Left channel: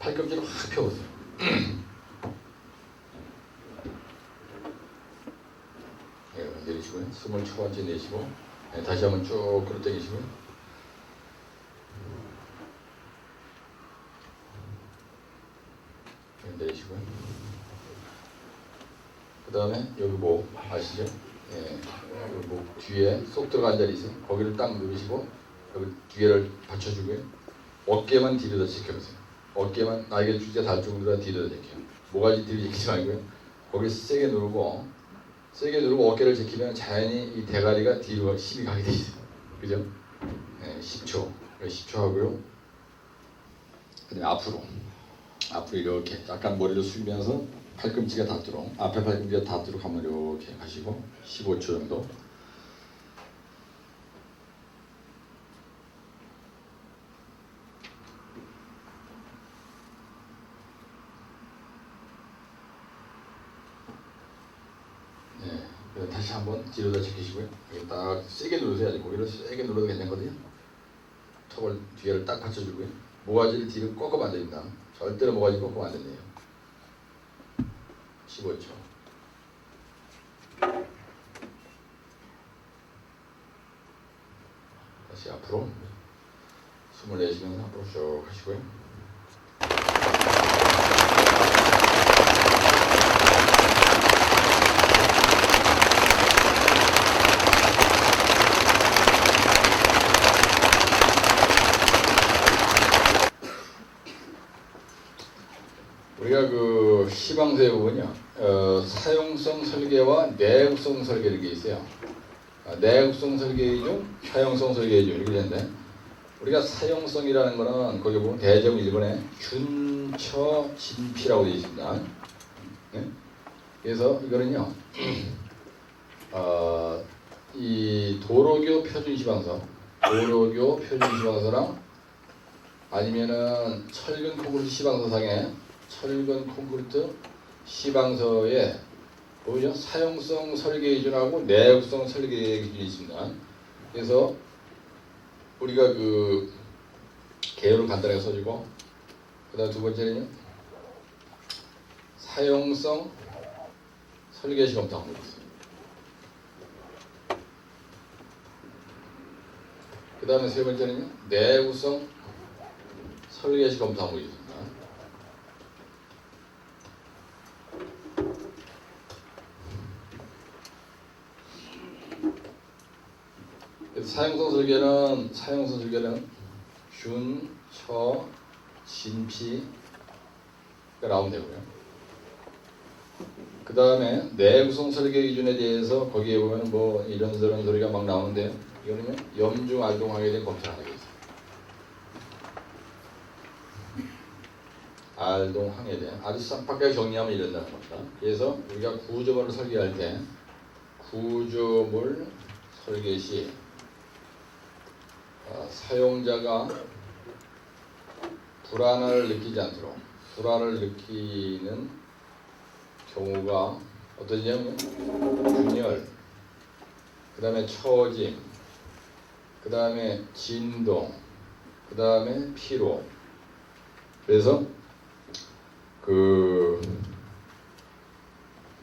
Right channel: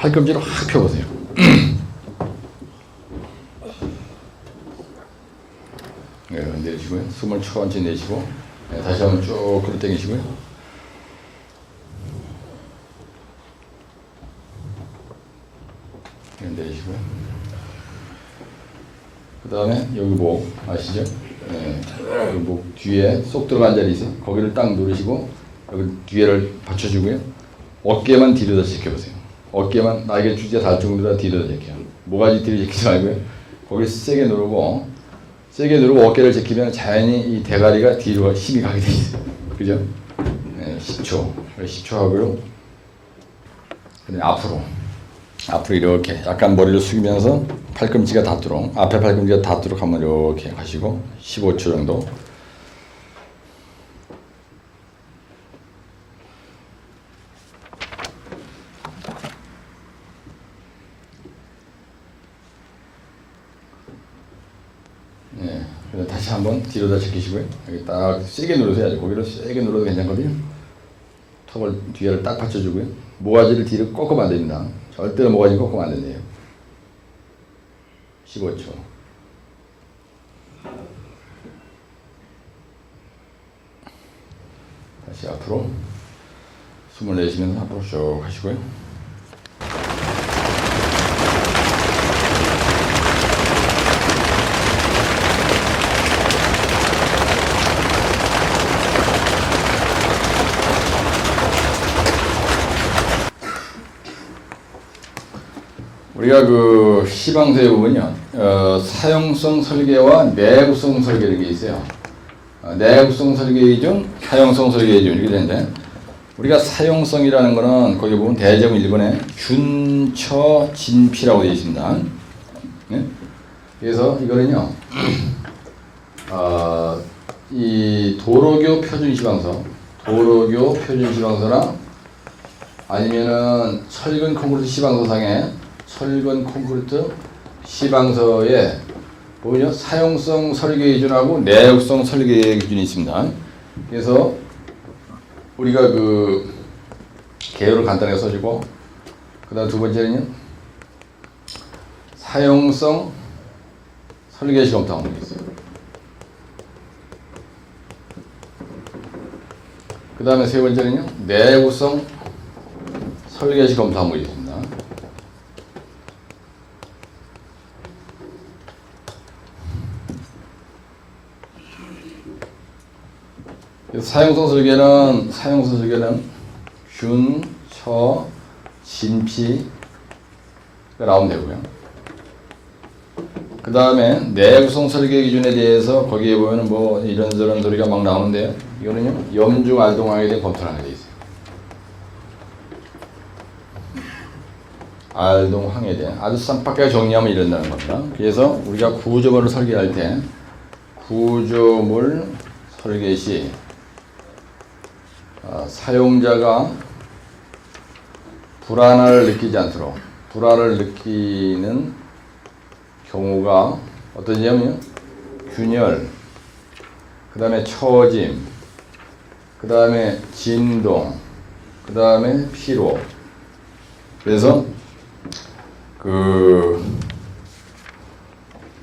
팔꿈치를 확 펴보세요. 네, 내쉬고요. 숨을 천천히 내쉬고, 네, 다시 한번 쭉 끌어 당기시고요. 네, 내쉬고요. 그 다음에 여기 목 아시죠? 네, 여기 목 뒤에 쏙 들어간 자리 있어요. 거기를 딱 누르시고 여기 뒤에를 받쳐주고요. 어깨만 뒤로다 지켜보세요. 어깨만 날개 주제 닿을 정도로 뒤로다 지켜요. 모가지 뒤로 지키지 말고요. 거기를 세게 누르고 어깨를 지키면 자연히 이 대가리가 뒤로 힘이 가게 돼 있어요. 그죠? 네, 10초. 10초 하고요. 그다음에 앞으로 이렇게 약간 머리를 숙이면서 팔꿈치가 닿도록, 앞에 팔꿈치가 닿도록 한번 이렇게 가시고 15초 정도. 네, 그래서 다시 한번 뒤로다 제끼시고요. 여기 딱 세게 누르셔야죠. 거기를 세게 눌러도 괜찮거든요. 턱을 뒤에를 딱 받쳐주고요. 모가지를 뒤로 꺾으면 안 됩니다. 절대로 모가지 꺾으면 안 된대요. 15초. 다시 앞으로 숨을 내쉬면서 앞으로 쭉 하시고요. 우리가 그 시방서에 보면요, 사용성 설계와 내구성 설계 이렇게 있어요. 내구성 설계 중 사용성 설계 중 이렇게 되는데, 우리가 사용성이라는 거는 거기 보면 대정 1번에 균처 진피라고 되어 있습니다. 네? 그래서 이거는요, 이 도로교 표준 시방서나 아니면은 철근 콘크리트 시방서상에 철근 콘크리트 시방서에 보면요, 사용성 설계 기준하고 내구성 설계 기준이 있습니다. 그래서 우리가 그 개요를 간단하게 써주고, 그다음 두 번째는요, 사용성 설계 시 검토 항목이 있어요. 그 다음에 세 번째는요, 내구성 설계 시 검토 항목이 있습니다. 사용성 설계는 균, 처, 진피가 나오면 되고요. 그 다음에 내구성 설계 기준에 대해서 거기에 보면 뭐 이런저런 소리가 막 나오는데요. 이거는요, 염중 알동항에 대해 검토를 하는 게 있어요. 알동항에 대해 아주 쌈박하게 정리하면 이런다는 겁니다. 그래서 우리가 구조물을 설계할 때 구조물 설계 시 사용자가 불안을 느끼지 않도록, 불안을 느끼는 경우가 어떠냐면 균열, 그 다음에 처짐, 그 다음에 진동, 그 다음에 피로. 그래서 그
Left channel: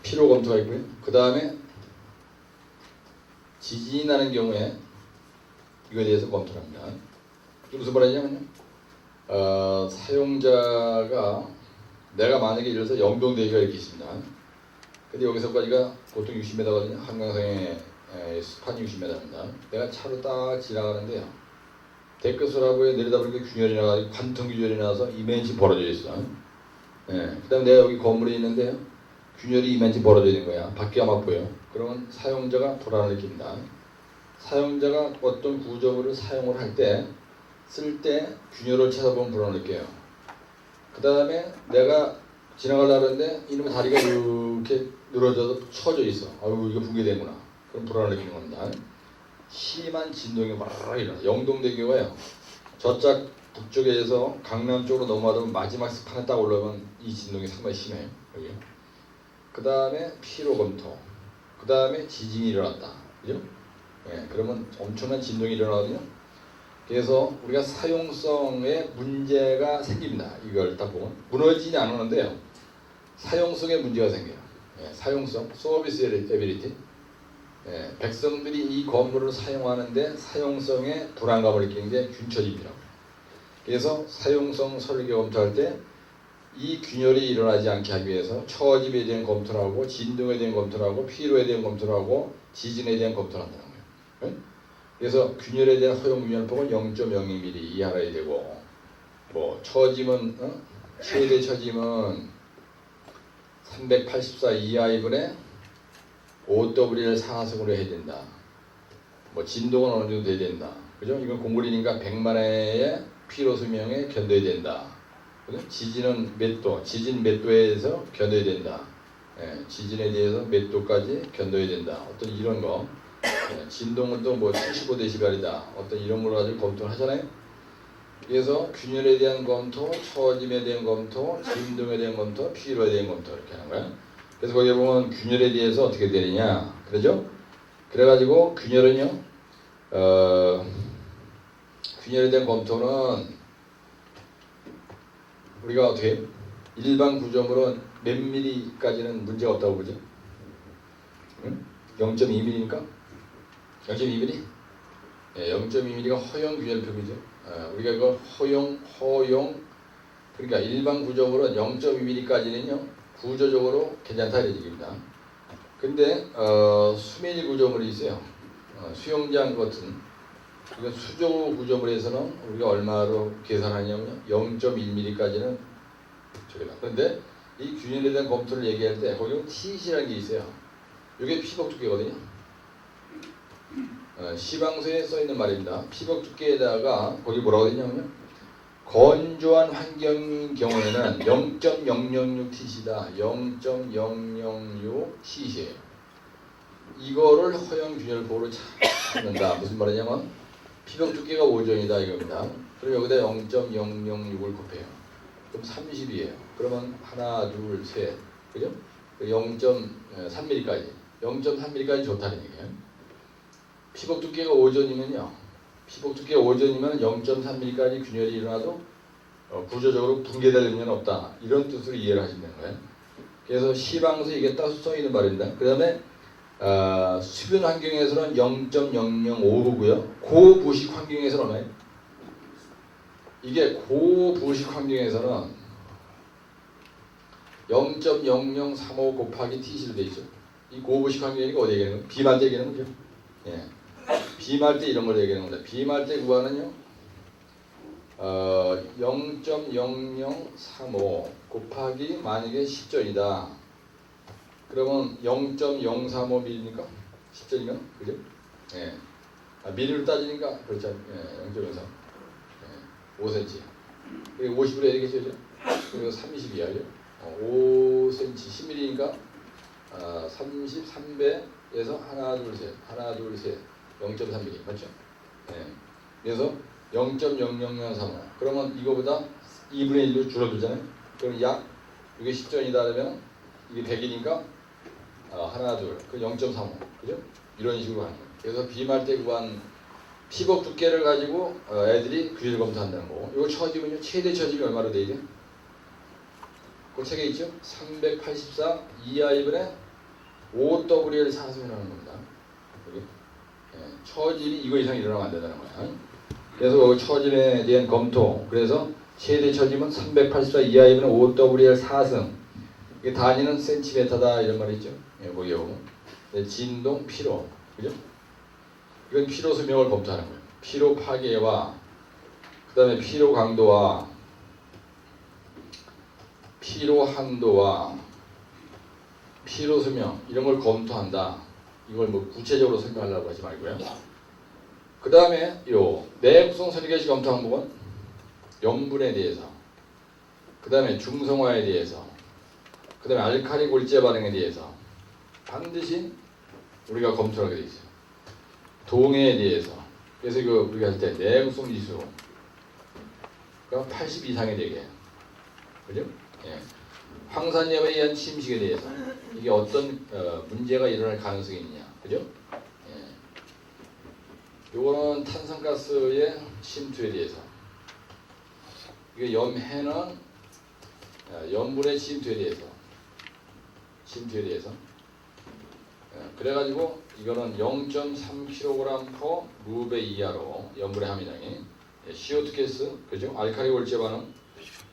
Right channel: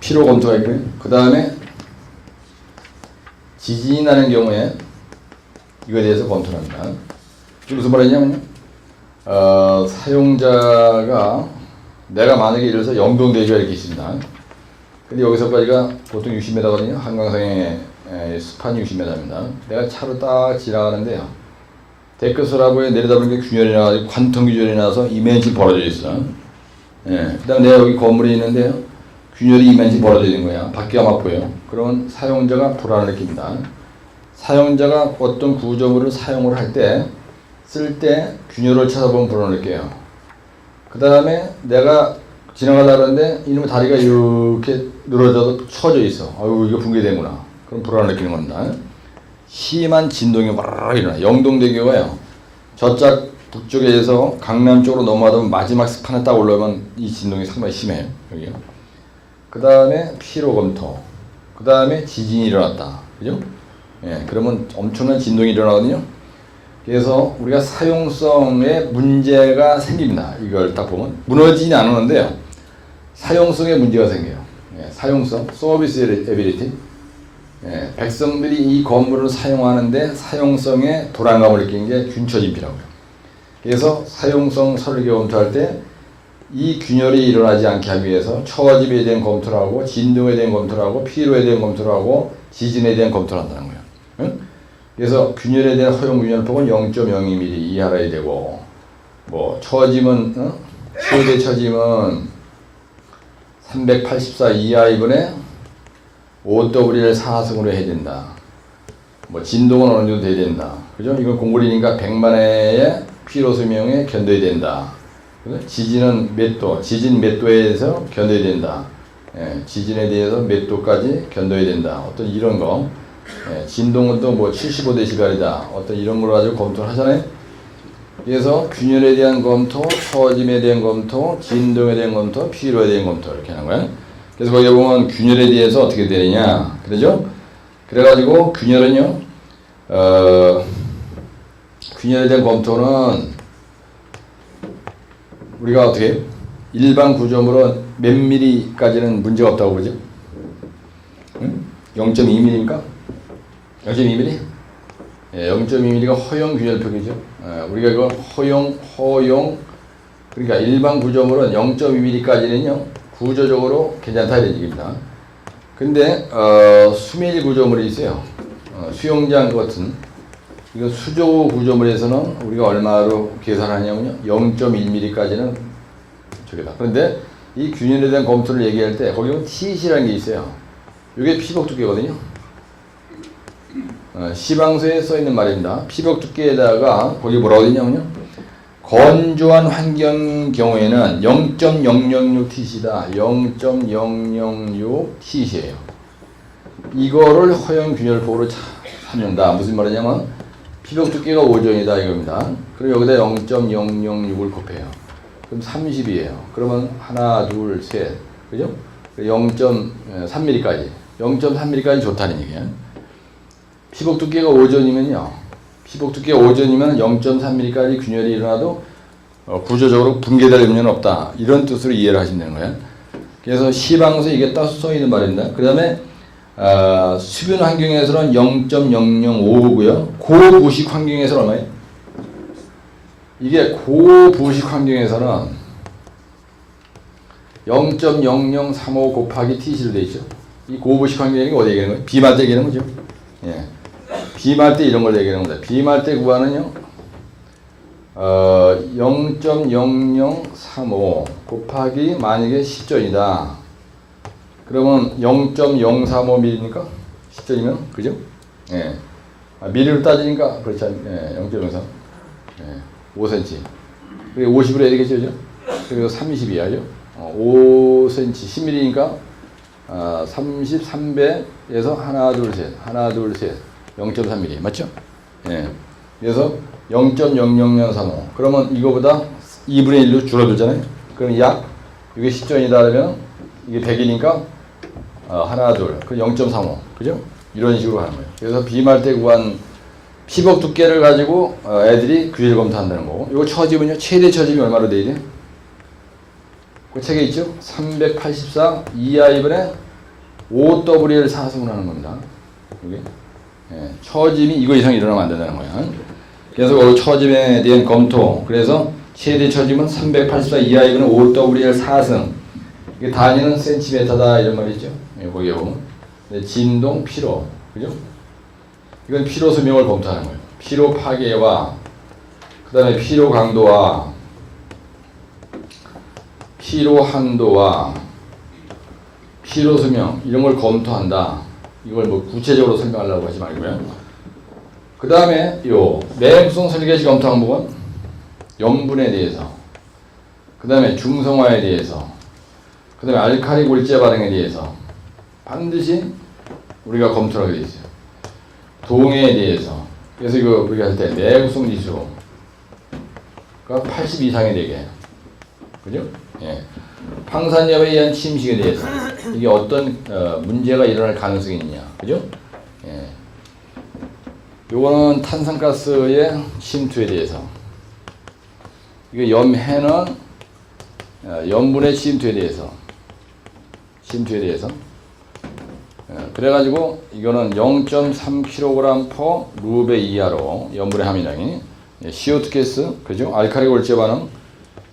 피로 검토가 있고요. 그 다음에 지진이 나는 경우에 이거에 대해서 검토를 합니다. 무슨 말이냐면 사용자가 내가 만약에 예를 들어서 영동대교가 이렇게 있습니다. 근데 여기서까지가 보통 60m거든요. 한강상의 수판이 60m입니다. 내가 차로 딱 지나가는데요, 데크소라보에 내려다보니까 균열이 나가지고 관통 균열이 나서 이면시 벌어져 있어. 예. 그 다음에 내가 여기 건물이 있는데요, 균열이 이면시 벌어져 있는 거야. 밖에 아마 보여. 그러면 사용자가 불안을 느낍니다. 사용자가 어떤 구조물을 사용을 할 때, 쓸 때 균열을 찾아보면 불안을 느껴요. 그 다음에 내가 지나가다 그러는데 이놈의 다리가 이렇게 늘어져서 처져 있어. 아유, 이거 붕괴되는구나. 그럼 불안을 느끼는 겁니다. 심한 진동이 와르르 일어나. 영동대교가요, 저쪽 북쪽에서 강남 쪽으로 넘어가다 마지막 스판에 딱 올라오면 이 진동이 상당히 심해요. 여기요. 그 다음에 피로 검토. 그 다음에 지진이 일어났다. 그죠? 예, 그러면 엄청난 진동이 일어나거든요. 그래서 우리가 사용성에 문제가 생깁니다. 이걸 딱 보면 무너지진 않았는데요. 사용성에 문제가 생겨요. 예, 사용성, 서비스 에비리티. 예, 백성들이 이 건물을 사용하는데 사용성에 불안감을 느끼는 게 균처진피라고요. 그래서 사용성 설계 검토할 때 이 균열이 일어나지 않게 하기 위해서 처집에 대한 검토를 하고 진동에 대한 검토를 하고 피로에 대한 검토를 하고 지진에 대한 검토를 한다는 거예요. 응? 그래서 균열에 대한 허용 균열폭은 0.02mm 이하라 되고 뭐 처짐은 최대 처짐은 384 이하 이분에 5W를 4승으로 해야 된다. 뭐 진동은 어느 정도 돼야 된다. 그죠? 이건 공물이니까 100만회의 피로 수명에 견뎌야 된다. 그죠? 지진은 몇 도, 지진 몇 도에 대해서 견뎌야 된다. 예, 지진에 대해서 몇 도까지 견뎌야 된다. 어떤 이런 거. 예, 진동은 또 뭐 75dB이다. 어떤 이런 걸 가지고 검토를 하잖아요. 그래서 균열에 대한 검토, 처짐에 대한 검토, 진동에 대한 검토, 피로에 대한 검토 이렇게 하는 거예요. 그래서 거기에 보면 균열에 대해서 어떻게 되느냐, 그러죠? 그래가지고 균열은요, 균열에 대한 검토는 우리가 어떻게 해요? 일반 구조물은 몇 mm까지는 문제가 없다고 그러죠? 응? 0.2mm입니까? 0.2mm? 예, 0.2mm가 허용 균열폭이죠. 예, 우리가 이거 허용, 그러니까 일반 구조물은 0.2mm까지는요, 구조적으로 괜찮다 이런 얘기입니다. 근데, 수밀 구조물이 있어요. 수영장 같은, 그리고 수조 구조물에서는 우리가 얼마로 계산하냐면요, 0.1mm까지는 저기다. 그런데 이 균열에 대한 검토를 얘기할 때, 거기 보면 TC라는 게 있어요. 이게 피복 두께거든요. 시방서에 써 있는 말입니다. 피복 두께에다가 거기 뭐라고 되냐면요, 건조한 환경 경우에는 0.006Tc다. 0.006Tc예요. 이거를 허용 균열폭으로 찾는다. 무슨 말이냐면 피복 두께가 5전이다 이겁니다. 그럼 여기다 0.006을 곱해요. 그럼 30이에요. 그러면 하나, 둘, 셋, 그죠? 0.3mm까지. 0.3mm까지 좋다는 얘기예요. 피복 두께가 5전이면요. 피복 두께가 5전이면 0.3mm까지 균열이 일어나도 구조적으로 붕괴될 염려는 없다. 이런 뜻으로 이해를 하시면 되는 거예요. 그래서 시방서 이게 따서 써 있는 말입니다. 그 다음에 수변 환경에서는 0.005고요. 고부식 환경에서는 얼마예요? 이게 고부식 환경에서는 0.0035 곱하기 Tc로 되어 있죠. 이 고부식 환경이 어디 얘기하는 거예요? 비말 때 얘기하는 거죠. 예. 비말 때 이런 걸 얘기하는 겁니다. 비말 때 구하는요, 0.0035 곱하기 만약에 10전이다. 그러면 0.035mm니까 10전이면 그죠? 예. 미리로 따지니까 그렇지 않, 예, 0.03, 예, 5cm. 그게 50으로 해야 되겠죠, 그죠? 그리고 30이야죠. 5cm, 10mm니까 3300에서 하나, 둘, 셋, 0.3mm 맞죠? 예. 그래서 0.00035. 그러면 이거보다 2분의 1로 줄어들잖아요. 그럼 약 이게 10전이다 그러면 이게 100이니까 하나, 둘, 그 0.35. 그죠? 이런 식으로 하는 거예요. 그래서 비말 때 구한 피복 두께를 가지고 애들이 균열 검토한다는 거고. 이거 처짐은요, 최대 처짐이 얼마로 돼 있지? 그 책에 있죠? 384 이하 2분의 5W를 4승을 하는 겁니다. 이게. 예, 처짐이 이거 이상 일어나면 안 된다는 거야. 그래서 그 처짐에 대한 검토. 그래서 최대 처짐은 384 이하 2분의 5W를 4승. 이게 단위는 센티미터다 이런 말이죠. 예, 거기에 보면. 진동, 피로. 그죠? 이건 피로 수명을 검토하는 거예요. 피로 파괴와 그 다음에 피로 강도와 피로 한도와 피로 수명 이런 걸 검토한다. 이걸 뭐 구체적으로 설명하려고 하지 말고요. 그 다음에 요 내구성 설계시 검토 항목은 염분에 대해서, 그 다음에 중성화에 대해서, 그 다음에 알칼리 골재 반응에 대해서 반드시 우리가 검토를 하게 돼 있어요. 동해에 대해서. 그래서 이거 우리가 할 때 내구성 지수가 80 이상이 되게 해요. 그죠? 예. 황산염에 의한 침식에 대해서 이게 어떤 문제가 일어날 가능성이 있냐, 그죠? 예. 요거는 탄산가스의 침투에 대해서. 이게 염해는 염분의 침투에 대해서. 그래가지고 이거는 0.3kg per 루베 이하로 염분의 함유량이 CO2 가스, 그죠? 알카리 골재 반응,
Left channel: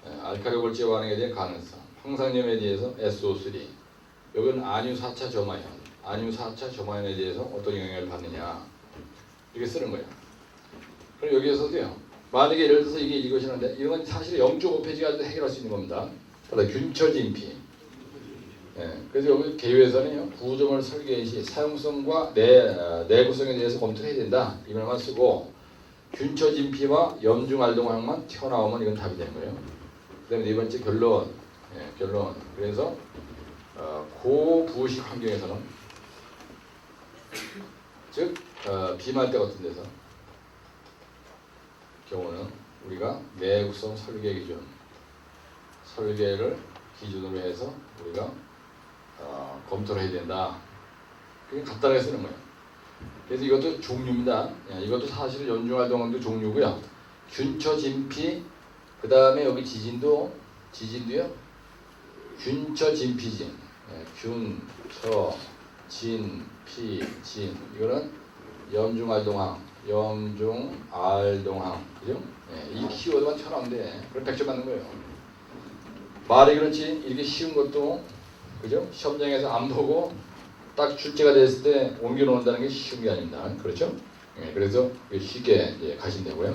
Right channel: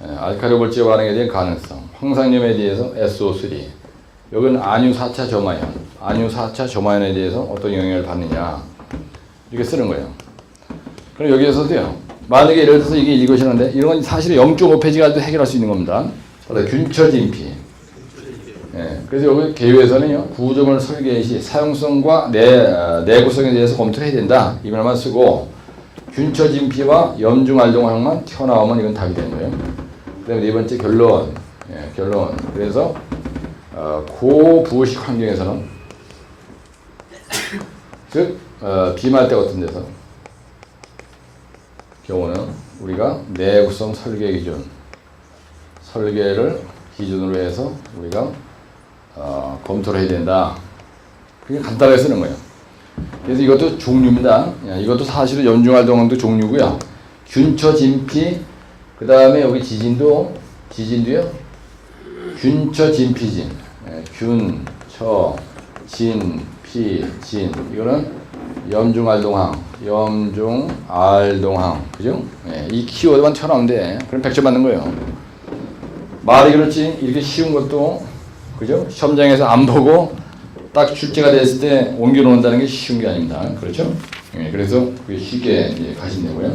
알카리 골재 반응에 대한 가능성, 황산염에 대해서 SO3, 여기는 안유 4차 저마연, 안유 4차 저마연에 대해서 어떤 영향을 받느냐 이렇게 쓰는 거예요. 그럼 여기에서도요. 만약에 예를 들어서 이게 이것이는데 이런 건 사실 0.5페이지가 해결할 수 있는 겁니다. 균처 진피. 그래서 여기 개요에서는요, 구조물 설계 시 사용성과 내구성에 대해서 검토를 해야 된다. 이 말만 쓰고, 균처 진피와 염중 알동항만 튀어나오면 이건 답이 되는 거예요. 그 다음에 네 번째 결론. 결론. 그래서, 고부식 환경에서는, 즉, 비말대 같은 데서, 경우는 우리가 내구성 설계 기준, 설계를 기준으로 해서 우리가 검토를 해야 된다. 그게 간단하게 쓰는 거예요. 그래서 이것도 종류입니다. 이것도 사실은 염중활동도 종류고요. 균처 진피, 그 다음에 여기 지진도요. 균처 진피진, 균처 진피 진. 이거는 염중알동항, 그죠? 이 키워드만 튀어나오면 돼. 그럼 100점 맞는 거예요. 말이 그렇지 이렇게 쉬운 것도, 그죠? 시험장에서 안 보고 딱 출제가 됐을 때 옮겨 놓는다는 게 쉬운 게 아닙니다. 그렇죠? 그래서 그게 쉽게 이제 가시면 되고요.